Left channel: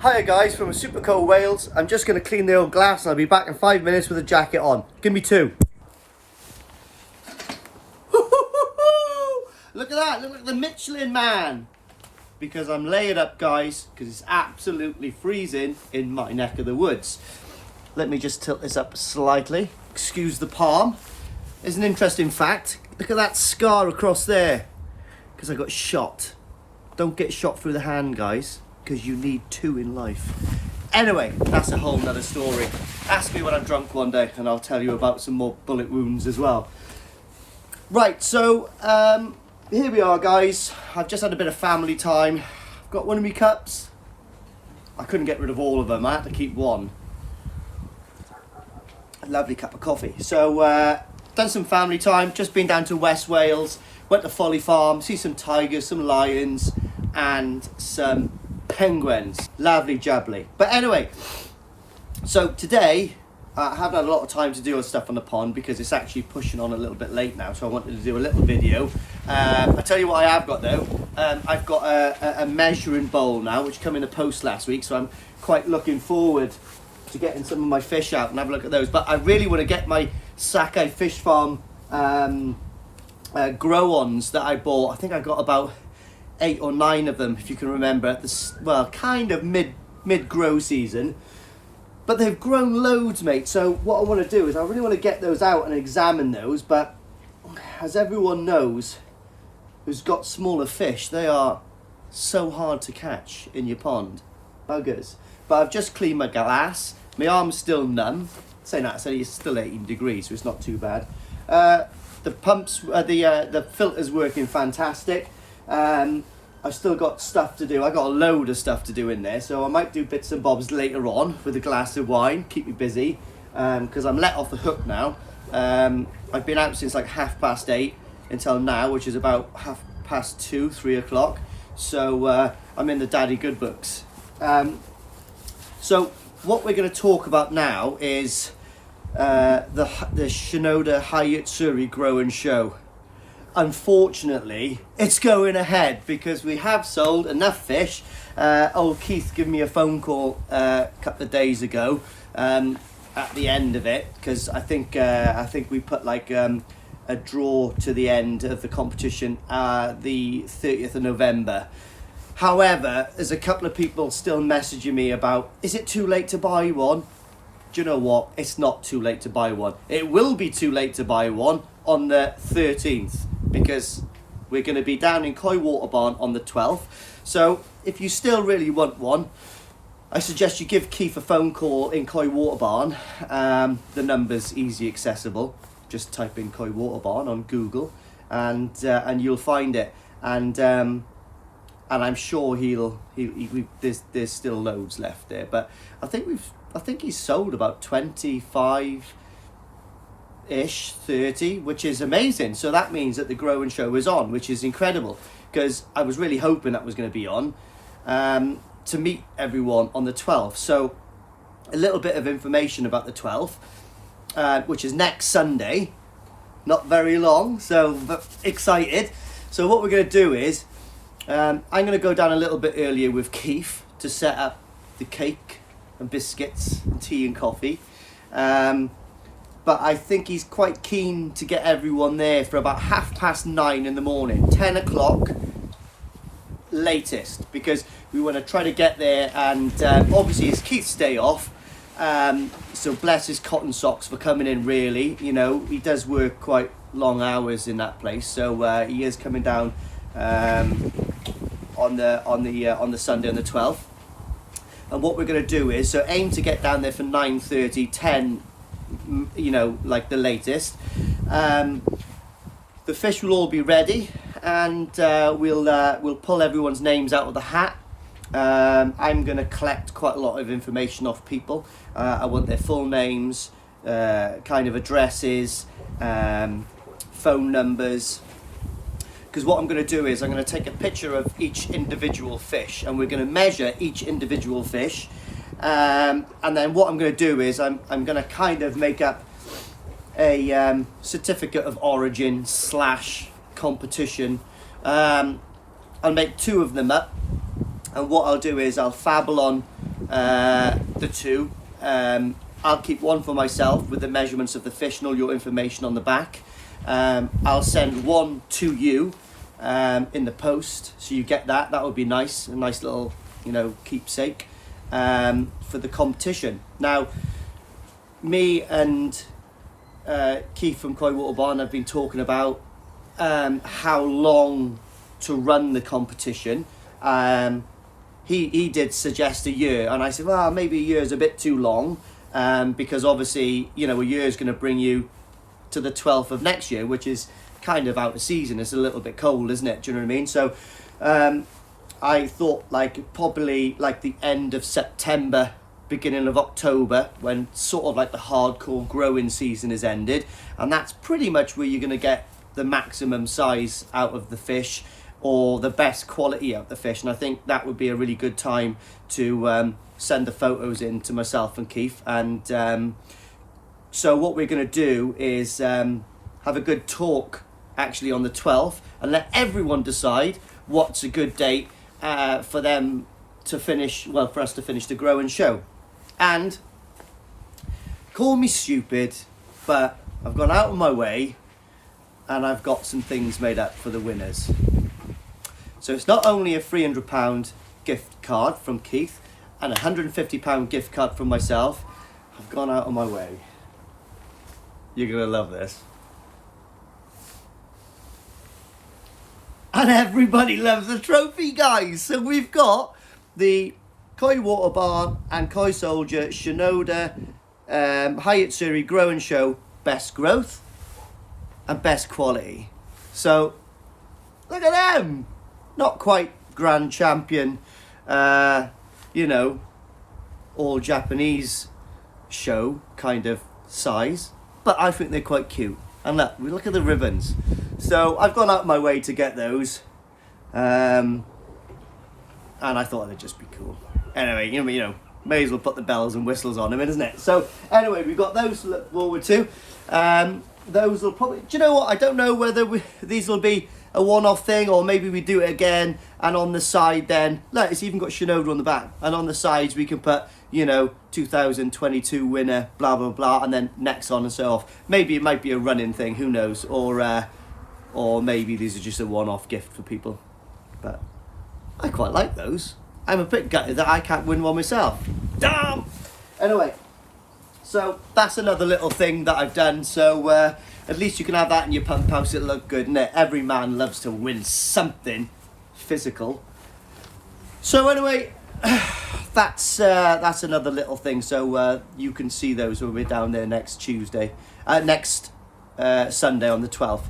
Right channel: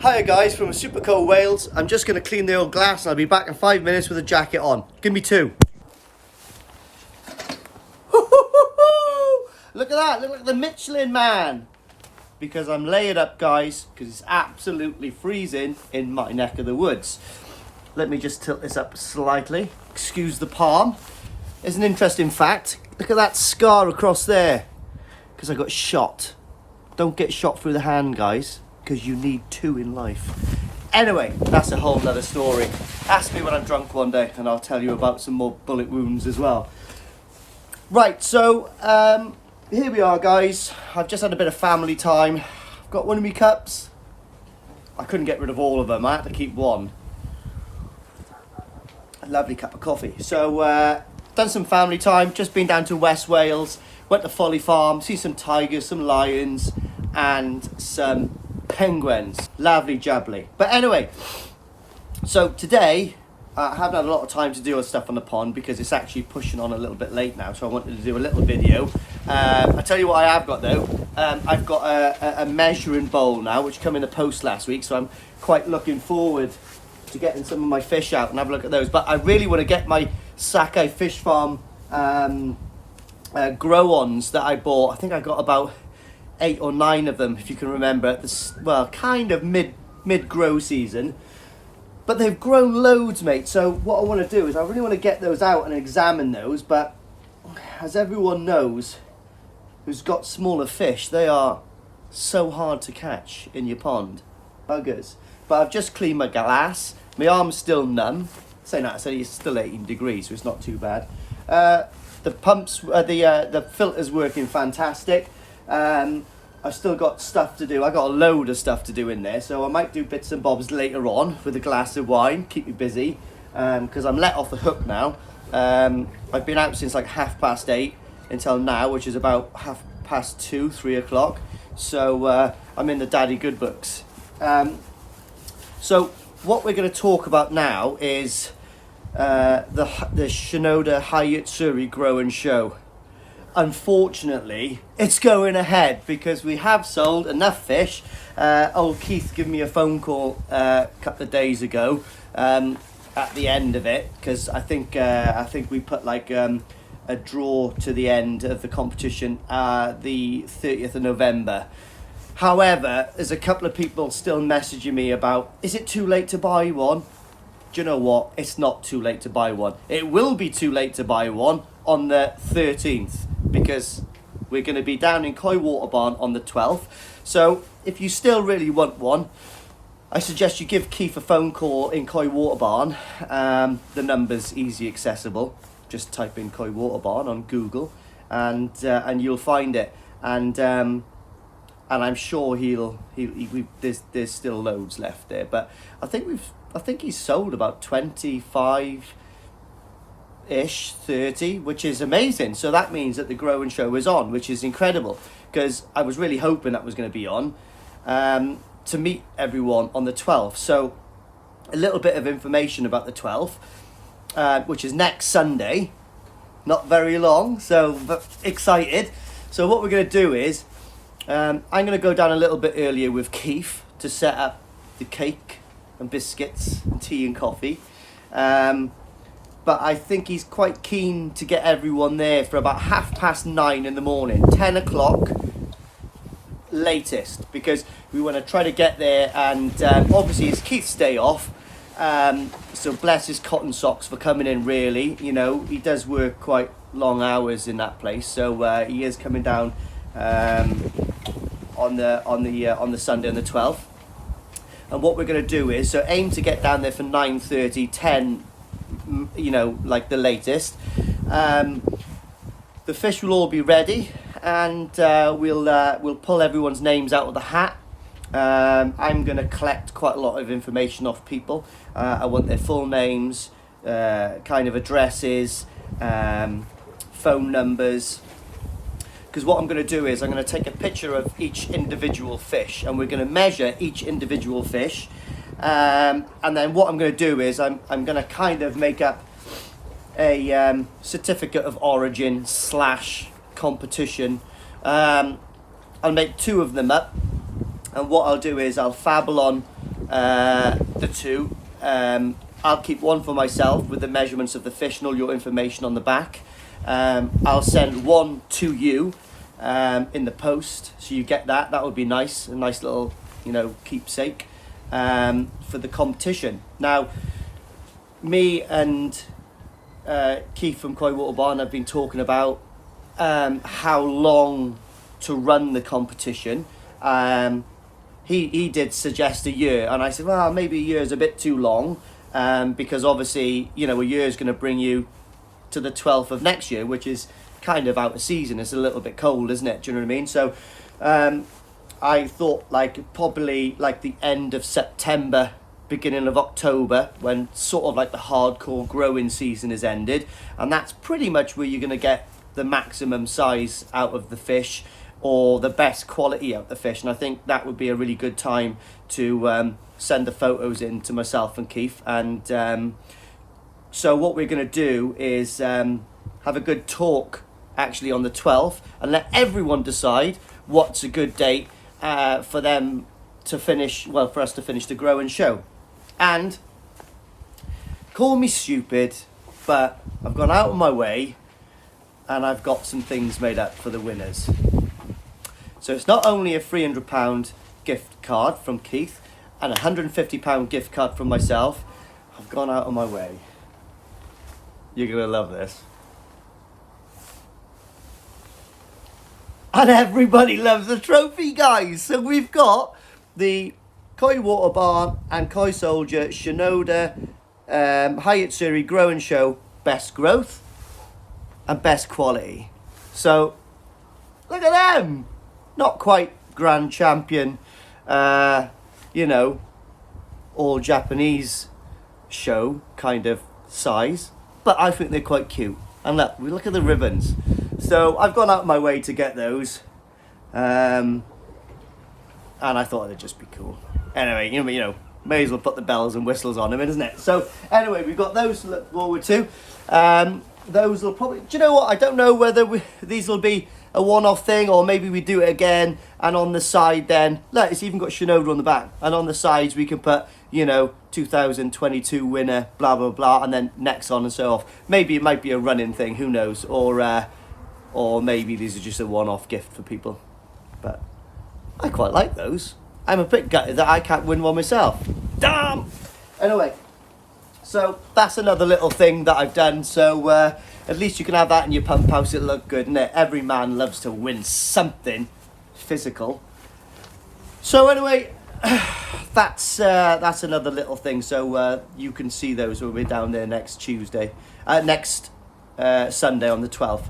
Hiya guys from Superco Wales. I'm just going to clean the old glass and I'll be back in 5 minutes with a jacket on. Give me two. Look at that, look like the Michelin man. Because I'm layered up guys, because it's absolutely freezing in my neck of the woods. Let me just tilt this up slightly. Excuse the palm. There's an interesting fact. Look at that scar across there. Because I got shot. Don't get shot through the hand guys, because you need two in life. Anyway, that's a whole nother story. Ask me when I'm drunk one day and I'll tell you about some more bullet wounds as well. Right, so here we are guys. I've just had a bit of family time. Got one of my cups. I couldn't get rid of all of them. I had to keep one. A lovely cup of coffee. So done some family time. Just been down to West Wales. Went to Folly Farm. See some tigers, some lions and some penguins. Lovely jubbly. But anyway, so today I haven't had a lot of time to do stuff on the pond because it's actually pushing on a little bit late now, so I wanted to do a little video. I tell you what I have got though. I've got a measuring bowl now which came in the post last week, so I'm quite looking forward to getting some of my fish out and have a look at those. But I really want to get my Sakai Fish Farm grow-ons that I bought. I think I got about 8 or 9 of them, if you can remember, at this, well, kind of mid-grow season. But they've grown loads, mate. So what I want to do is I really want to get those out and examine those. But as everyone knows who's got smaller fish, they are so hard to catch in your pond. Buggers. But I've just cleaned my glass. My arm's still numb. Saying that, it's still 18 degrees, so it's not too bad. The pumps, the filter's working fantastic. I've still got stuff to do. I got a load of stuff to do in there, so I might do bits and bobs later on with a glass of wine, keep me busy, because I'm let off the hook now. I've been out since like 8:30 until now, which is about 2:30, 3 o'clock. So I'm in the daddy good books. So what we're going to talk about now is the Shinoda Hayatsuri Grow and Show. Unfortunately, it's going ahead because we have sold enough fish. Old Keith gave me a phone call a couple of days ago at the end of it, because I think we put like a draw to the end of the competition the 30th of November. However, there's a couple of people still messaging me about, is it too late to buy one? Do you know what? It's not too late to buy one. It will be too late to buy one on the 13th. Because we're going to be down in Coy Water Barn on the 12th. So if you still really want one, I suggest you give Keith a phone call in Coy Water Barn. The number's easy accessible. Just type in Coy Water Barn on Google and you'll find it. And I'm sure there's still loads left there. But I think he's sold about 25 ish, 30, which is amazing. So that means that the Grow and Show is on, which is incredible, because I was really hoping that was going to be on to meet everyone on the 12th. So a little bit of information about the 12th, which is next Sunday, not very long, so excited. So what we're going to do is I'm going to go down a little bit earlier with Keith to set up the cake and biscuits and tea and coffee. But I think he's quite keen to get everyone there for about 9:30 in the morning, 10 o'clock latest, because we want to try to get there. And obviously it's Keith's day off, so bless his cotton socks for coming in. Really, you know, he does work quite long hours in that place, so he is coming down on the Sunday on the 12th. And what we're going to do is, so aim to get down there for 9:30, 10. You know, like the latest. The fish will all be ready, and we'll pull everyone's names out of the hat. I'm going to collect quite a lot of information off people. I want their full names, kind of addresses, phone numbers. Because what I'm going to do is I'm going to take a picture of each individual fish, and we're going to measure each individual fish. And then what I'm going to do is I'm going to kind of make up a certificate of origin / competition. I'll make 2 of them up, and what I'll do is I'll fabble on the two. I'll keep one for myself with the measurements of the fish and all your information on the back. I'll send one to you in the post, so you get that. That would be nice, a nice little, you know, keepsake for the competition. Now, me and Keith from Koi Water Barn have been talking about how long to run the competition. He did suggest a year, and I said, well, maybe a year is a bit too long, because obviously, you know, a year is going to bring you to the 12th of next year, which is kind of out of season. It's a little bit cold, isn't it? Do you know what I mean? So I thought like probably like the end of September, beginning of October, when sort of like the hardcore growing season is ended, and that's pretty much where you're going to get the maximum size out of the fish, or the best quality out of the fish. And I think that would be a really good time to send the photos in to myself and Keith. And so what we're going to do is have a good talk actually on the 12th, and let everyone decide what's a good date for them to finish, well, for us to finish the grow and show. And call me stupid, but I've gone out of my way and I've got some things made up for the winners. So it's not only a £300 gift card from Keith and a £150 gift card from myself. I've gone out of my way. You're going to love this. And everybody loves the trophy, guys. So we've got the Koi Water Barn and Koi Soldier Shinoda Hayatsuri Grow and Show Best Growth and Best Quality. So look at them. Not quite grand champion, you know, all Japanese show kind of size, but I think they're quite cute. And look at the ribbons. So I've gone out of my way to get those, and I thought it'd just be cool. Anyway, you know, may as well put the bells and whistles on them, isn't it? So anyway, we've got those to look forward to. Those will probably, do you know what? I don't know whether these will be a one-off thing, or maybe we do it again, and on the side then, look, it's even got Shinoda on the back, and on the sides we can put, you know, 2022 winner, blah blah blah, and then next on and so off. Maybe it might be a running thing, who knows, or maybe these are just a one-off gift for people. But I quite like those. I'm a bit gutted that I can't win one myself. Damn! Anyway, so that's another little thing that I've done. So at least you can have that in your pump house. It'll look good, innit? Every man loves to win something physical. So anyway, that's another little thing. So you can see those when we're down there next Sunday on the 12th.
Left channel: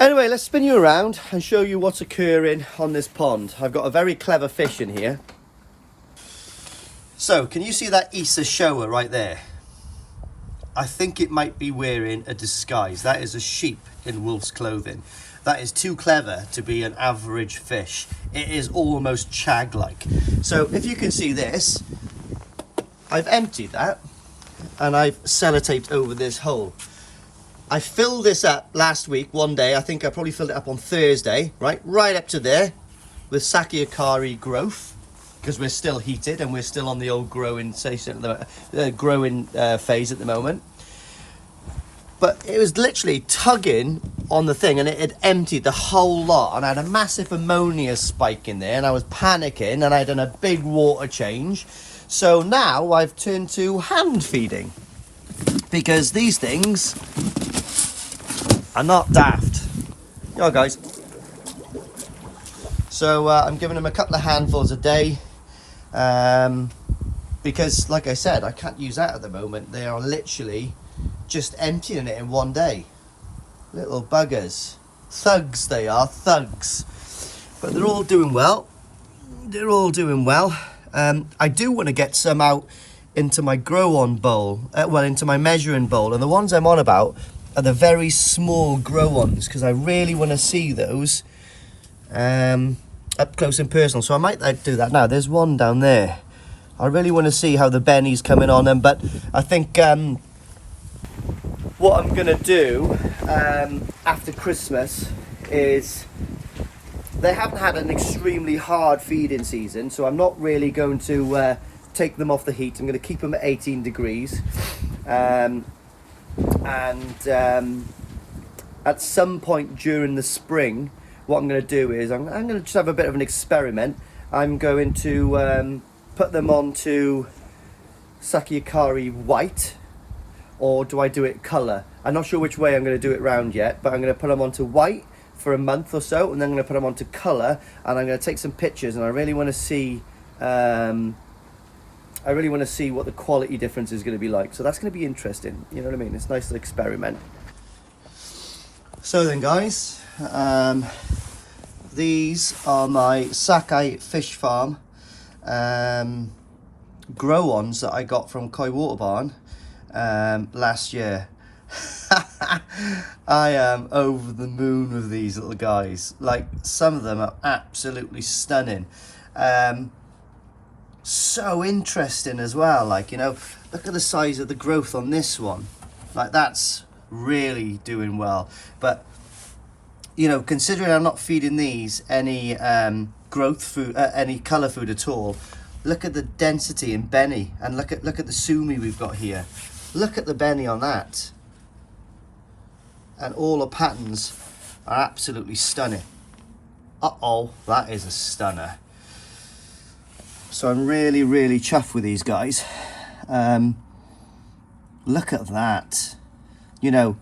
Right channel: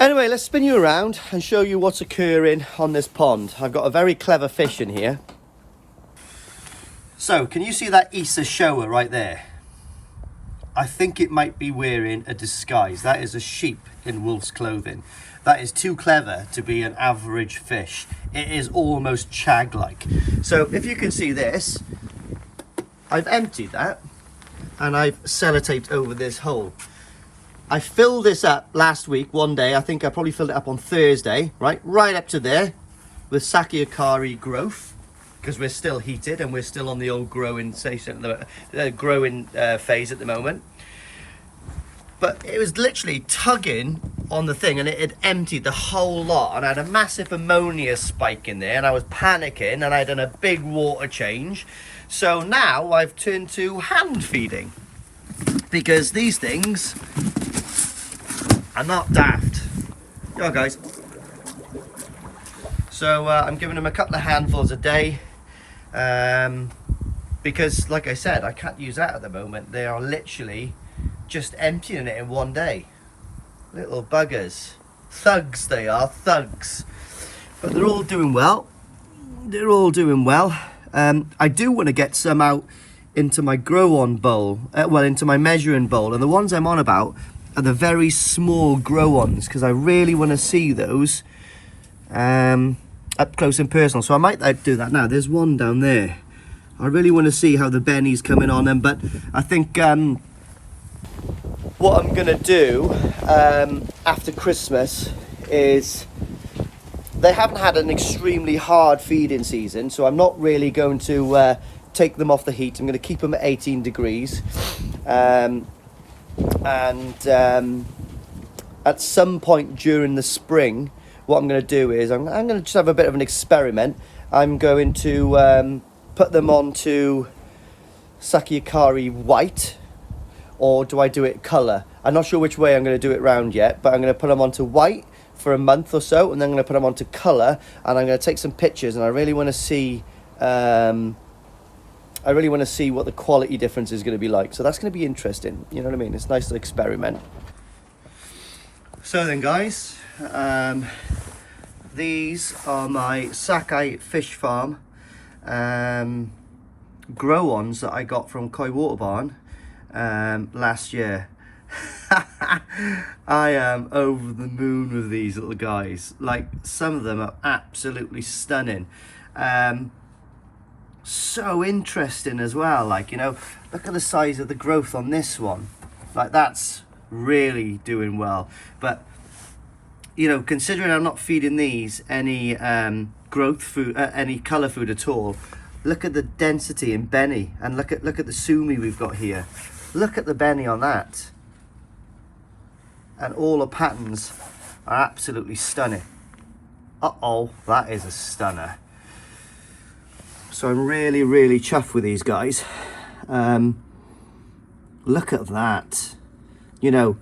Anyway, let's spin you around and show you what's occurring on this pond. I've got a very clever fish in here. So, can you see that Issa Showa right there? I think it might be wearing a disguise. That is a sheep in wolf's clothing. That is too clever to be an average fish. It is almost shag-like. So, if you can see this, I've emptied that and I've sellotaped over this hole. I filled this up last week, one day. I think I probably filled it up on Thursday, right up to there with Sakiakari growth, because we're still heated and we're still on the old growing phase at the moment. But it was literally tugging on the thing, and it had emptied the whole lot, and I had a massive ammonia spike in there, and I was panicking, and I had done a big water change. So now I've turned to hand feeding, because these things are not daft. Yo guys. So I'm giving them a couple of handfuls a day, because like I said, I can't use that at the moment. They are literally just emptying it in one day. Little buggers. Thugs they are, thugs. But they're all doing well. They're all doing well. I do want to get some out into my grow-on bowl, into my measuring bowl, and the ones I'm on about are the very small grow-ons, because I really want to see those up close and personal. So I might do that now. There's one down there. I really want to see how the Benny's coming on them, but I think what I'm going to do after Christmas is they haven't had an extremely hard feeding season, so I'm not really going to take them off the heat. I'm going to keep them at 18 degrees. At some point during the spring, what I'm going to do is I'm going to just have a bit of an experiment. I'm going to put them onto Sakiakari white, or do I do it colour? I'm not sure which way I'm going to do it round yet, but I'm going to put them onto white for a month or so, and then I'm going to put them onto colour, and I'm going to take some pictures, and I really want to see what the quality difference is going to be like. So that's going to be interesting. You know what I mean? It's a nice little experiment. So then, guys, these are my Sakai Fish Farm grow-ons that I got from Koi Water Barn last year. I am over the moon with these little guys. Like, some of them are absolutely stunning. So interesting as well. Like, you know, look at the size of the growth on this one. Like, that's really doing well. But, you know, considering I'm not feeding these any growth food, any colour food at all, look at the density in Benny, and look at the Sumi we've got here. Look at the Benny on that. And all the patterns are absolutely stunning. Uh-oh, that is a stunner. So I'm really, really chuffed with these guys. Look at that. You know,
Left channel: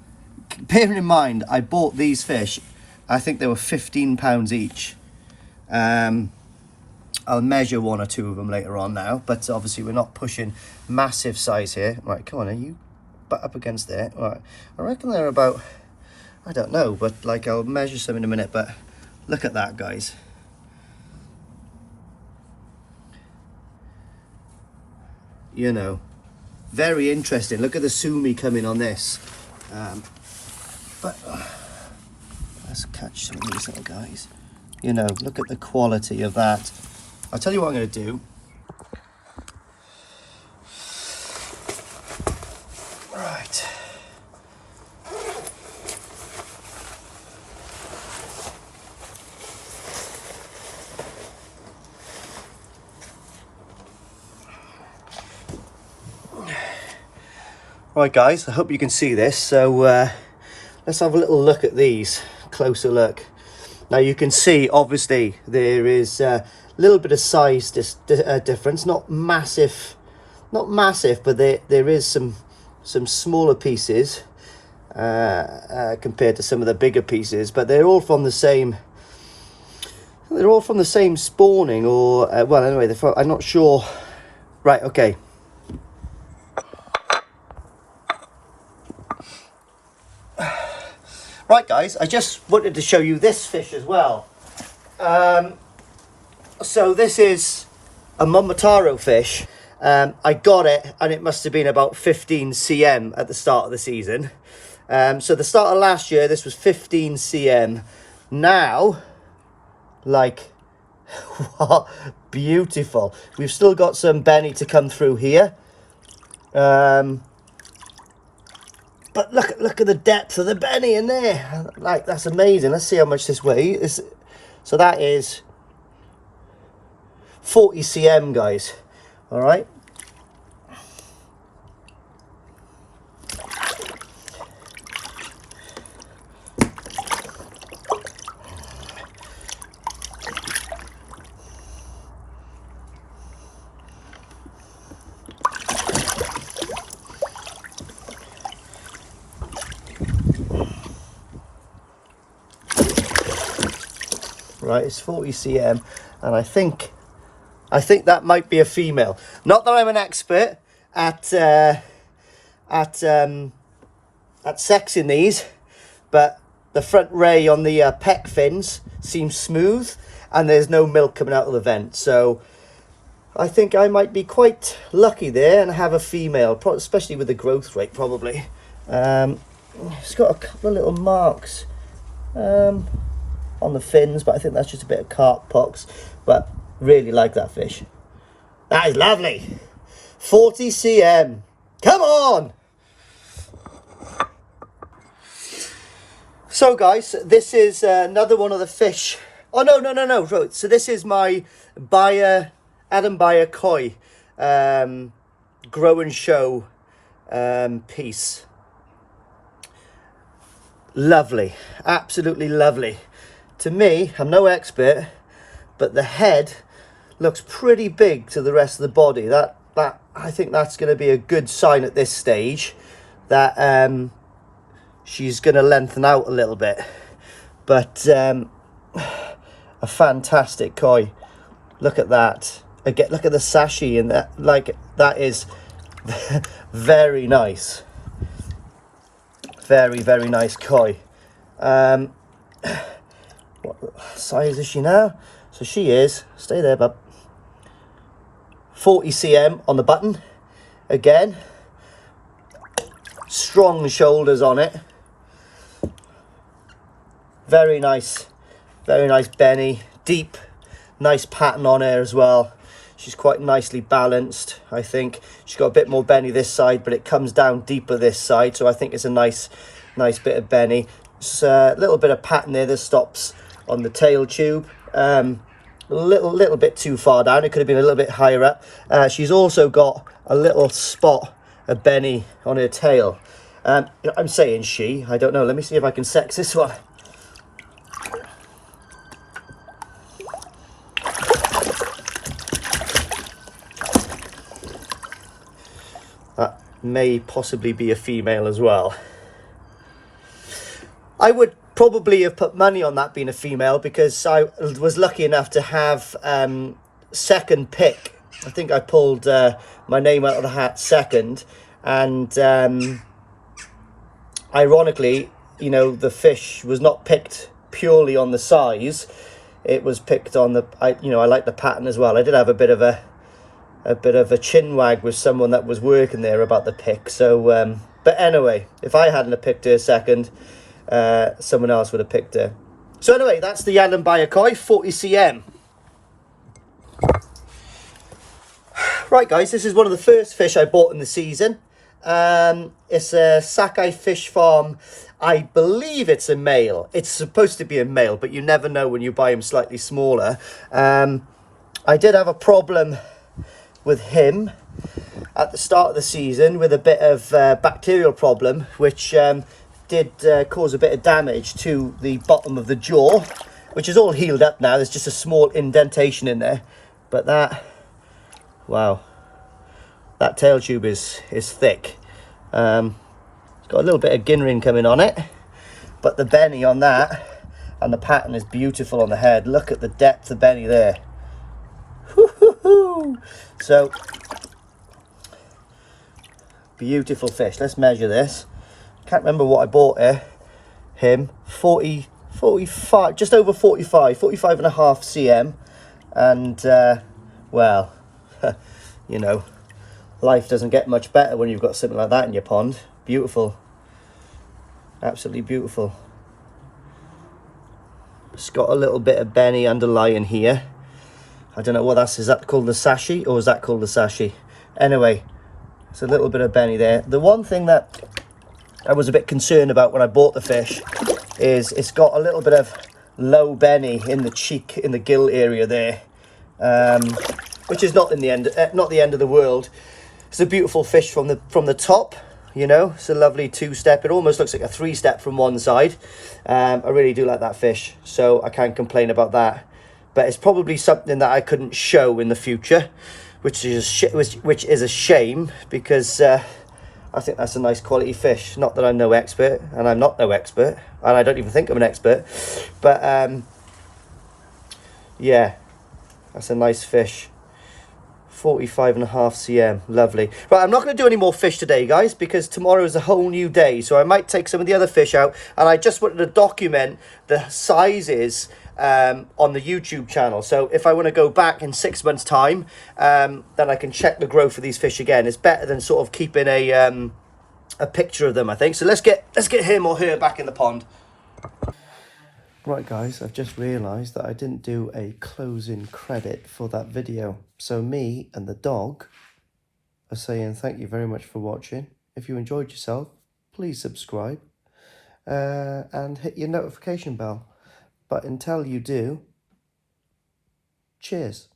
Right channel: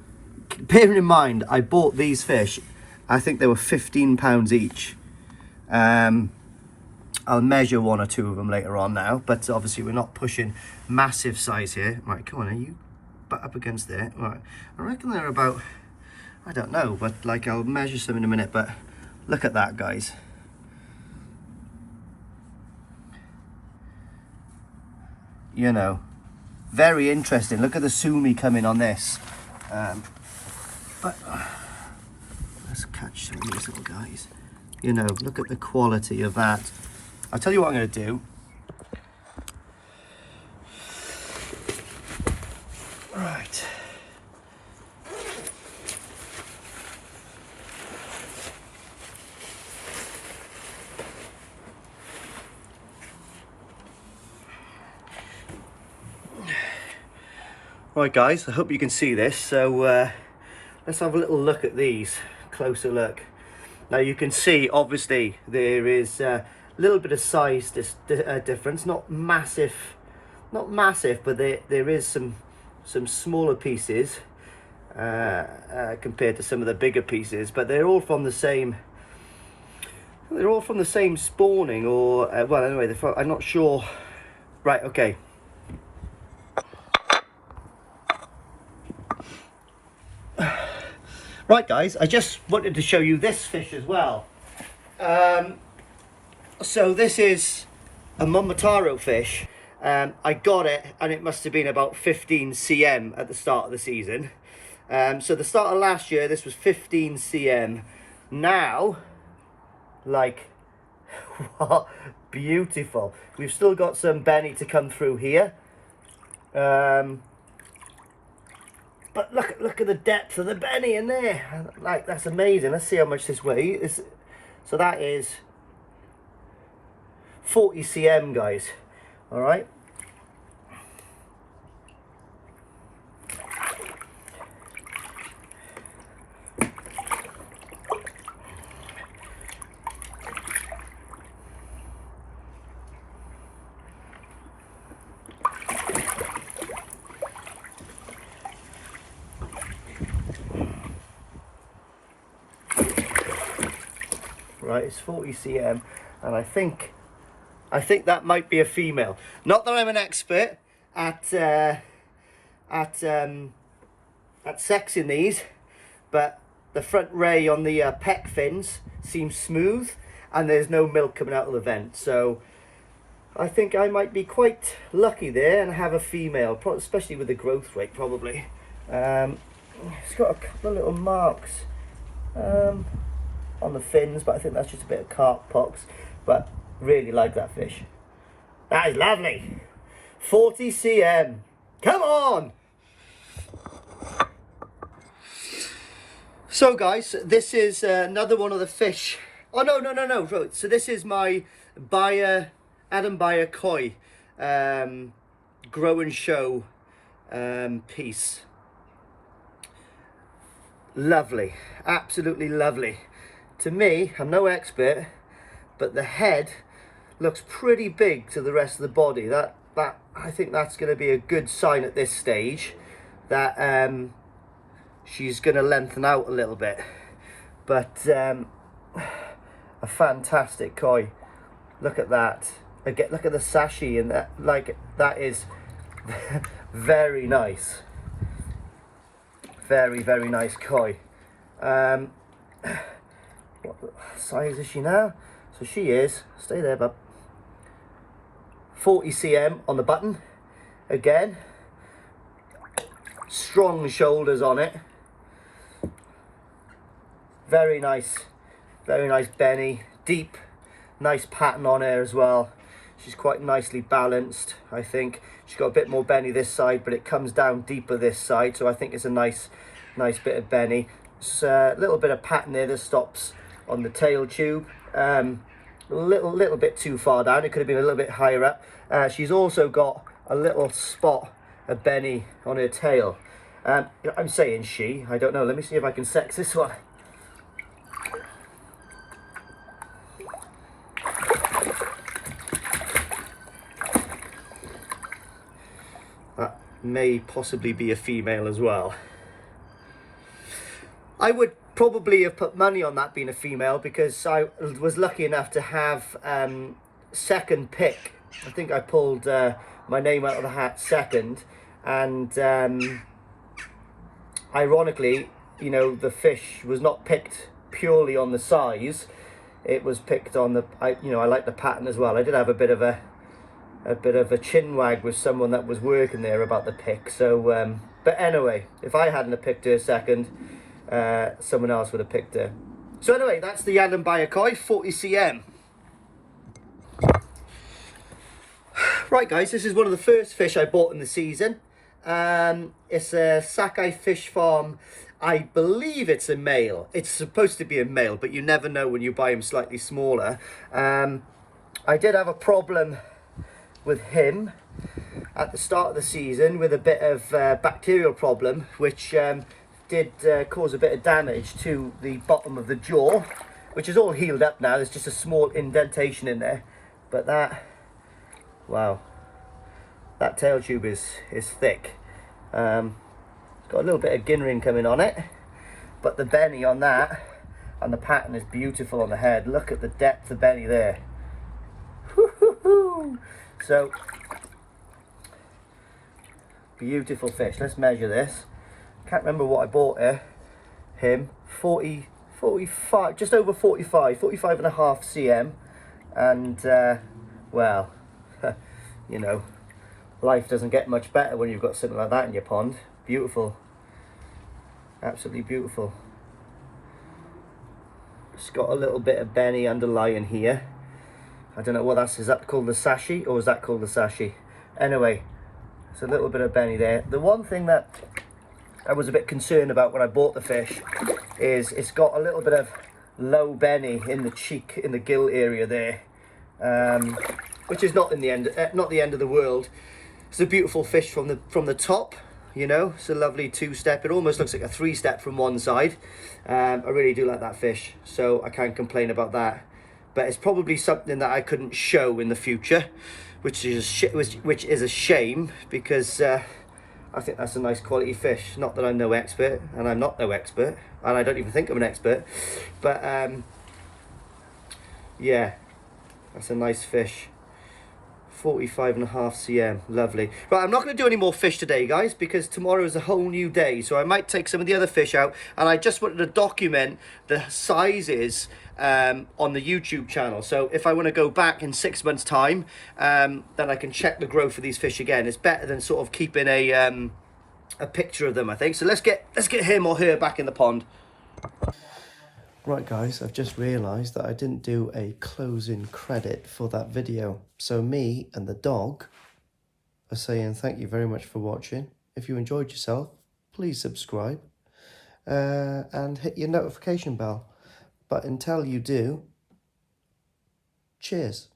bearing in mind, I bought these fish, I think they were £15 each. I'll measure one or two of them later on now, but obviously we're not pushing massive size here. Right, come on, are you butt up against there? All right, I reckon they're about, I don't know, but like I'll measure some in a minute, but look at that, guys. You know, very interesting. Look at the Sumi coming on this. But let's catch some of these little guys. You know, look at the quality of that. I'll tell you what I'm going to do. Right. Right, guys, I hope you can see this. So let's have a little look at these, closer look. Now you can see, obviously, there is a little bit of size difference, not massive, but there is some smaller pieces compared to some of the bigger pieces, but they're all from the same. They're all from the same spawning, or well, anyway, I'm not sure. Right, okay. Right, guys, I just wanted to show you this fish as well. So this is a Momotaro fish. I got it, and it must have been about 15 cm at the start of the season. So the start of last year, this was 15 cm. Now, like, what beautiful. We've still got some Benny to come through here. But look at the depth of the Benny in there. Like, that's amazing. Let's see how much this weighs. So that is 40 cm, guys. All right. Right, it's 40 cm, and I think that might be a female. Not that I'm an expert at sexing these, but the front ray on the pec fins seems smooth, and there's no milk coming out of the vent. So I think I might be quite lucky there and have a female, especially with the growth rate, probably. It's got a couple of little marks on the fins, but I think that's just a bit of carp pox. But really like that fish. That is lovely. 40 cm. Come on. So guys, this is another one of the fish Oh, no. So this is my Adam Bayer koi grow and show piece. Lovely, absolutely lovely. To me, I'm no expert, but the head looks pretty big to the rest of the body. That I think that's going to be a good sign at this stage that she's going to lengthen out a little bit. But a fantastic koi. Look at that. Again, look at the sashi and that. Like, that is very nice. Very, very nice koi. What size is she now? So she is, stay there, bub, 40 cm on the button. Again, strong shoulders on it. Very nice Benny. Deep, nice pattern on her as well. She's quite nicely balanced, I think. She's got a bit more Benny this side, but it comes down deeper this side, so I think it's a nice bit of Benny. It's a little bit of pattern there that stops on the tail tube. A little bit too far down. It could have been a little bit higher up. She's also got a little spot of Benny on her tail. I'm saying she, I don't know. Let me see if I can sex this one. That may possibly be a female as well. I would probably have put money on that being a female because I was lucky enough to have second pick. I think I pulled my name out of the hat second, and ironically, you know, the fish was not picked purely on the size. It was picked on the, I like the pattern as well. I did have a bit of a chin wag with someone that was working there about the pick. So, but anyway, if I hadn't have picked her second, someone else would have picked her. So anyway, that's the Adam Bayer koi, 40 cm. Right guys, this is one of the first fish I bought in the season. It's a Sakai Fish Farm. I believe it's a male. It's supposed to be a male, but you never know when you buy him slightly smaller. I did have a problem with him at the start of the season with a bit of bacterial problem, which did cause a bit of damage to the bottom of the jaw, which is all healed up now. There's just a small indentation in there, but that, wow, that tail tube is thick. It's got a little bit of ginrin coming on it, but the Benny on that and the pattern is beautiful on the head. Look at the depth of Benny there. So beautiful fish. Let's measure this. Can't remember what I bought him 45, just over 45 and a half cm, and well, you know, life doesn't get much better when you've got something like that in your pond. Beautiful, absolutely beautiful. It's got a little bit of Benny underlying here. I don't know what that's, is that called the sashi, or is that called the sashi? Anyway, it's a little bit of Benny there. The one thing that I was a bit concerned about when I bought the fish is it's got a little bit of low Benny in the cheek, in the gill area there, which is not the end of the world. It's a beautiful fish from the top, you know. It's a lovely two-step. It almost looks like a three-step from one side. I really do like that fish, so I can't complain about that. But it's probably something that I couldn't show in the future, which is a shame, because I think that's a nice quality fish. Not that I'm no expert, and I'm not no expert, and I don't even think I'm an expert, but yeah, that's a nice fish. 45 and a half cm, lovely. Right, I'm not going to do any more fish today, guys, because tomorrow is a whole new day, so I might take some of the other fish out, and I just wanted to document the sizes on the YouTube channel. So if I want to go back in 6 months time, then I can check the growth of these fish again. It's better than sort of keeping a picture of them, I think. So let's get him or her back in the pond. Right guys, I've just realised that I didn't do a closing credit for that video. So me and the dog are saying thank you very much for watching. If you enjoyed yourself, please subscribe and hit your notification bell. But until you do, Cheers.